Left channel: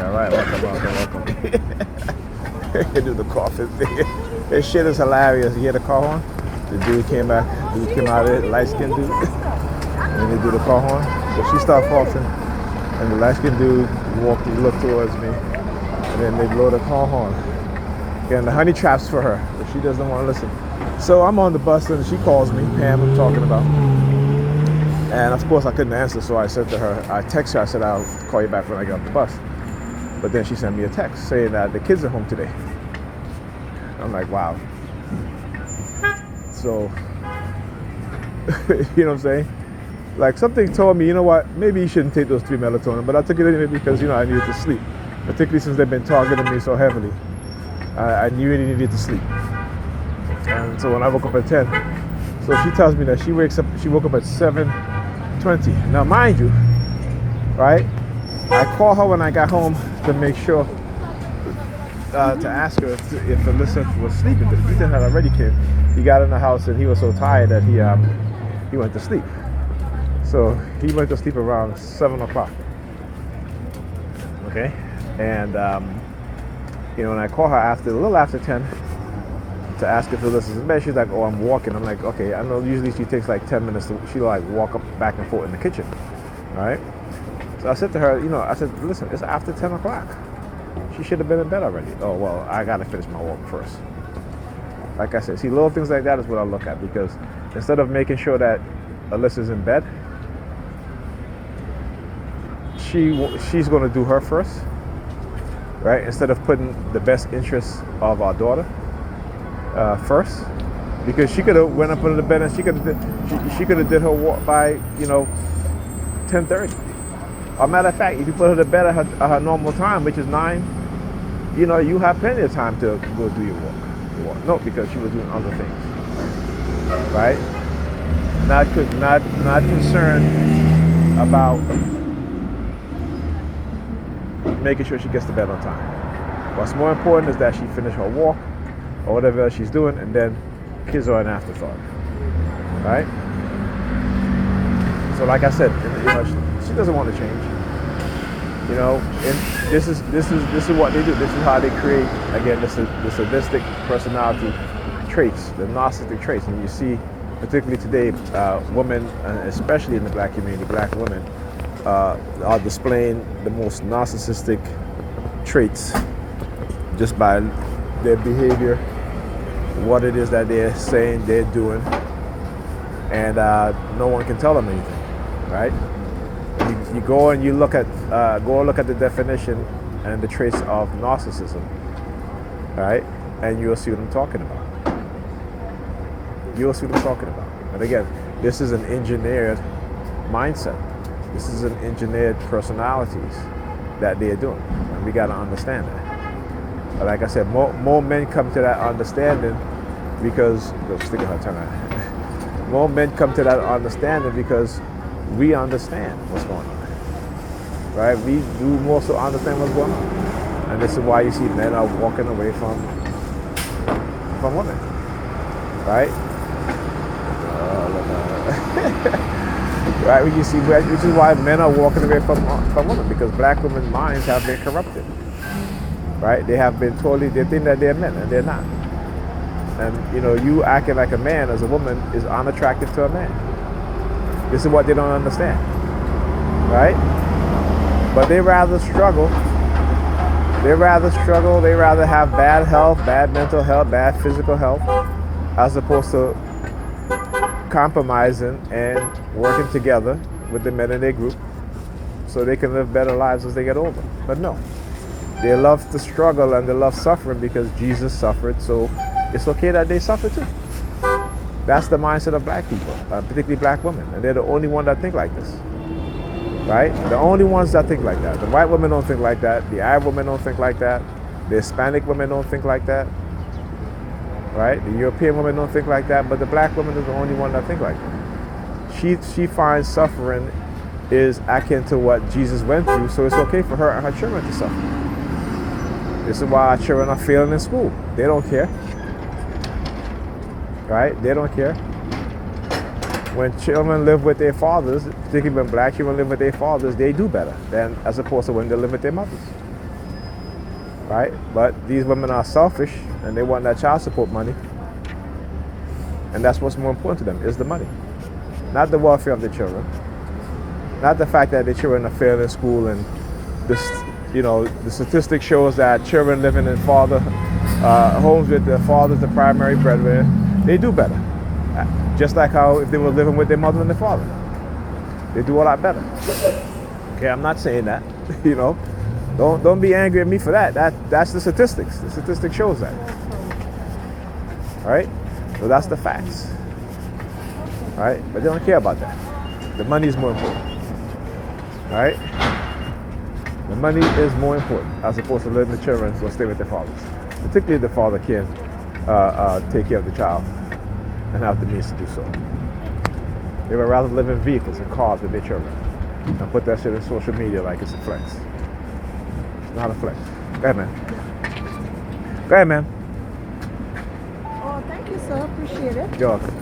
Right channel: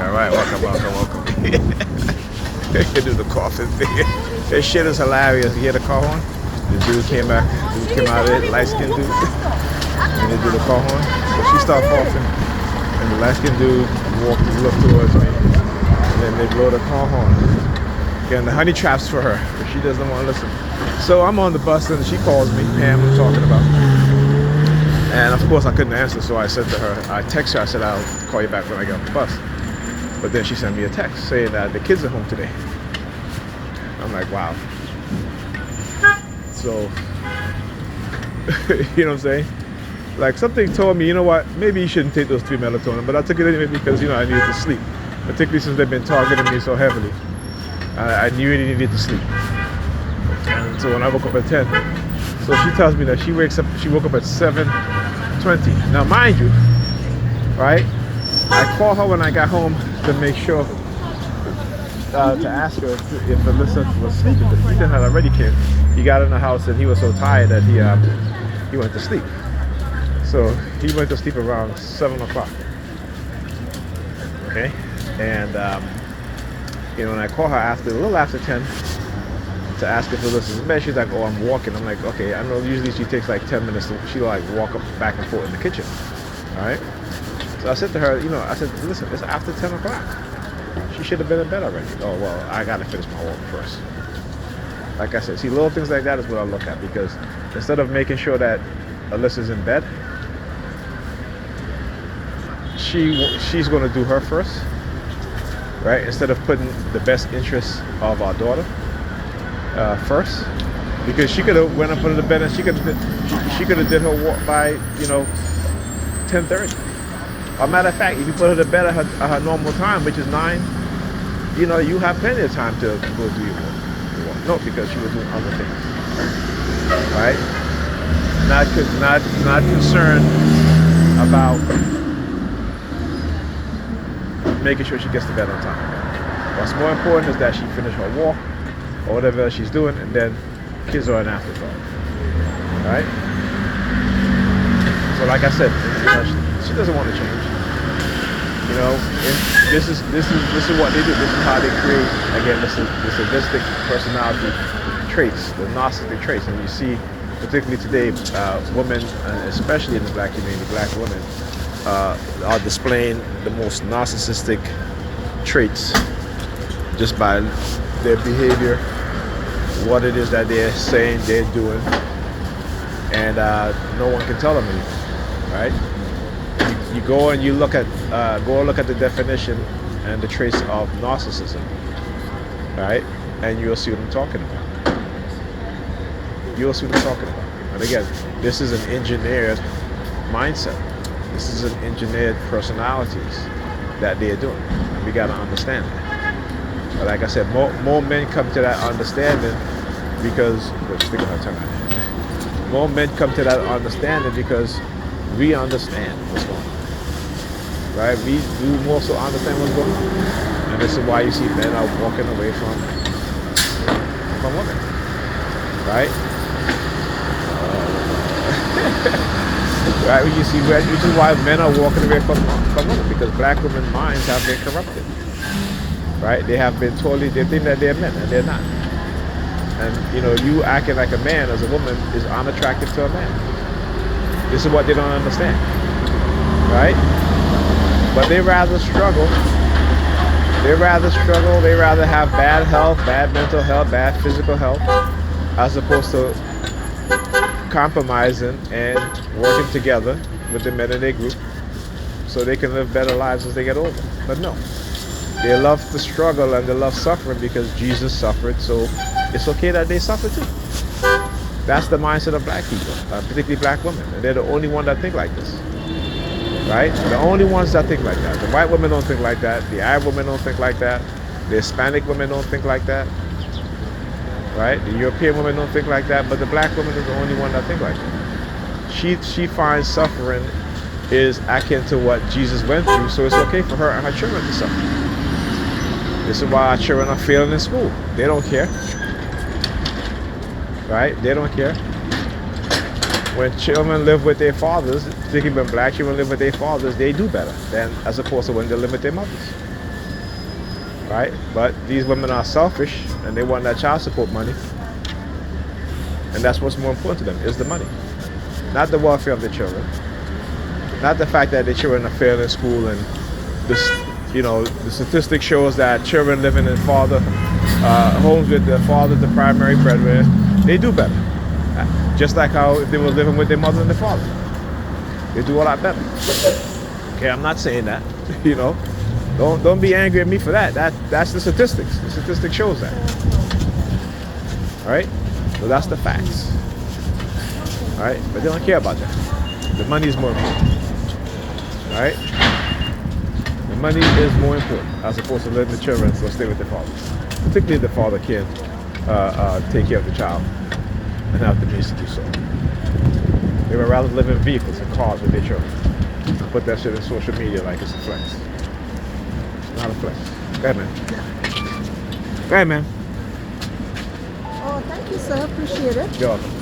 All right, welcome. They do the coughing thing. This shit is hilarious. You hear the car horn? The dude came out of it, light skinned dude. And they do the car horn. But she started coughing. And the light skinned dude looked towards me. And then they blow the car horn. And the honey traps for her, but she doesn't want to listen. So I'm on the bus and she calls me, Pam, I'm talking about. And of course I couldn't answer, so I said to her, I text her, I said I'll call you back when I get on the bus. But then she sent me a text saying that the kids are home today. I'm like, wow. So, you know what I'm saying? Like something told me, you know what, maybe you shouldn't take those 3 melatonin, but I took it anyway because, I needed to sleep. Particularly since they've been targeting me so heavily. I knew I needed to sleep. And so when I woke up at 10, so she tells me that she woke up at 7:20. Now mind you, right, I called her when I got home to make sure, to ask her if Alyssa was sleeping. Because Ethan had already came. He got in the house and he was so tired that he went to sleep. So he went to sleep around 7 o'clock. Okay? And when I call her a little after 10 to ask if Alyssa's in bed, she's like, oh, I'm walking. I'm like, okay, I know usually she takes like 10 minutes she'll like walk up back and forth in the kitchen. All right? So I said to her, I said, listen, it's after 10 o'clock. She should have been in bed already. Oh, well, I got to finish my work first. Like I said, see, little things like that is what I look at, because instead of making sure that Alyssa's in bed, she's going to do her first. Right? Instead of putting the best interests of our daughter first, because she could have went up under the bed and she could have did her walk by 10:30. As a matter of fact, if you put her to bed at her normal time, which is 9, you have plenty of time to go do your walk. No, because she was doing other things, right? Not concerned about making sure she gets to bed on time. What's more important is that she finish her walk or whatever else she's doing, and then kids are an afterthought. Right? So like I said, she doesn't want to change. And this is what they do. This is how they create, again, the sadistic personality traits, the narcissistic traits. And you see, particularly today, women, especially in the black community, black women, are displaying the most narcissistic traits just by their behavior, what it is that they're saying, they're doing, and no one can tell them anything, right? You go and you look at the definition and the traits of narcissism, right? And you'll see what I'm talking about. You'll see what I'm talking about. And again, this is an engineered mindset. This is an engineered personalities that they're doing. We got to understand that. But like I said, more men come to that understanding because more men come to that understanding because we understand what's going on. Right? We do more so understand what's going on. And this is why you see men are walking away from women. Right? Right, which is why men are walking away from women, because black women's minds have been corrupted. Right? They have been they think that they're men, and they're not. And you acting like a man as a woman is unattractive to a man. This is what they don't understand. Right? But they rather struggle. They rather have bad health, bad mental health, bad physical health, as opposed to compromising and working together with the men in their group so they can live better lives as they get older. But no, they love to struggle and they love suffering because Jesus suffered, so it's okay that they suffer too. That's the mindset of black people, particularly black women, and they're the only ones that think like this. Right? The only ones that think like that. The white women don't think like that. The Arab women don't think like that. The Hispanic women don't think like that. Right? The European women don't think like that, but the black woman is the only one that think like that. She finds suffering is akin to what Jesus went through, so it's okay for her and her children to suffer. This is why our children are failing in school. They don't care. Right? They don't care. When children live with their fathers, particularly when black children live with their fathers, they do better than as opposed to when they live with their mothers. right? But these women are selfish and they want that child support money, and that's what's more important to them is the money, not the welfare of the children, not the fact that the children are failed in school. And this, the statistic shows that children living in homes with their father, the primary breadwinner, they do better. Just like how if they were living with their mother and their father, they do a lot better. Okay, I'm not saying that. Don't be angry at me for that. That's the statistics. The statistic shows that. All right, so that's the facts. All right, but they don't care about that. The money is more important. All right, the money is more important as opposed to letting the children stay with the father, particularly if the father can take care of the child and have the means to do so. They would rather live in vehicles and cars with their children and put that shit in social media like it's a flex. It's not a flex. Go ahead, man. Go ahead, man. Oh, thank you, sir. Appreciate it. You're welcome.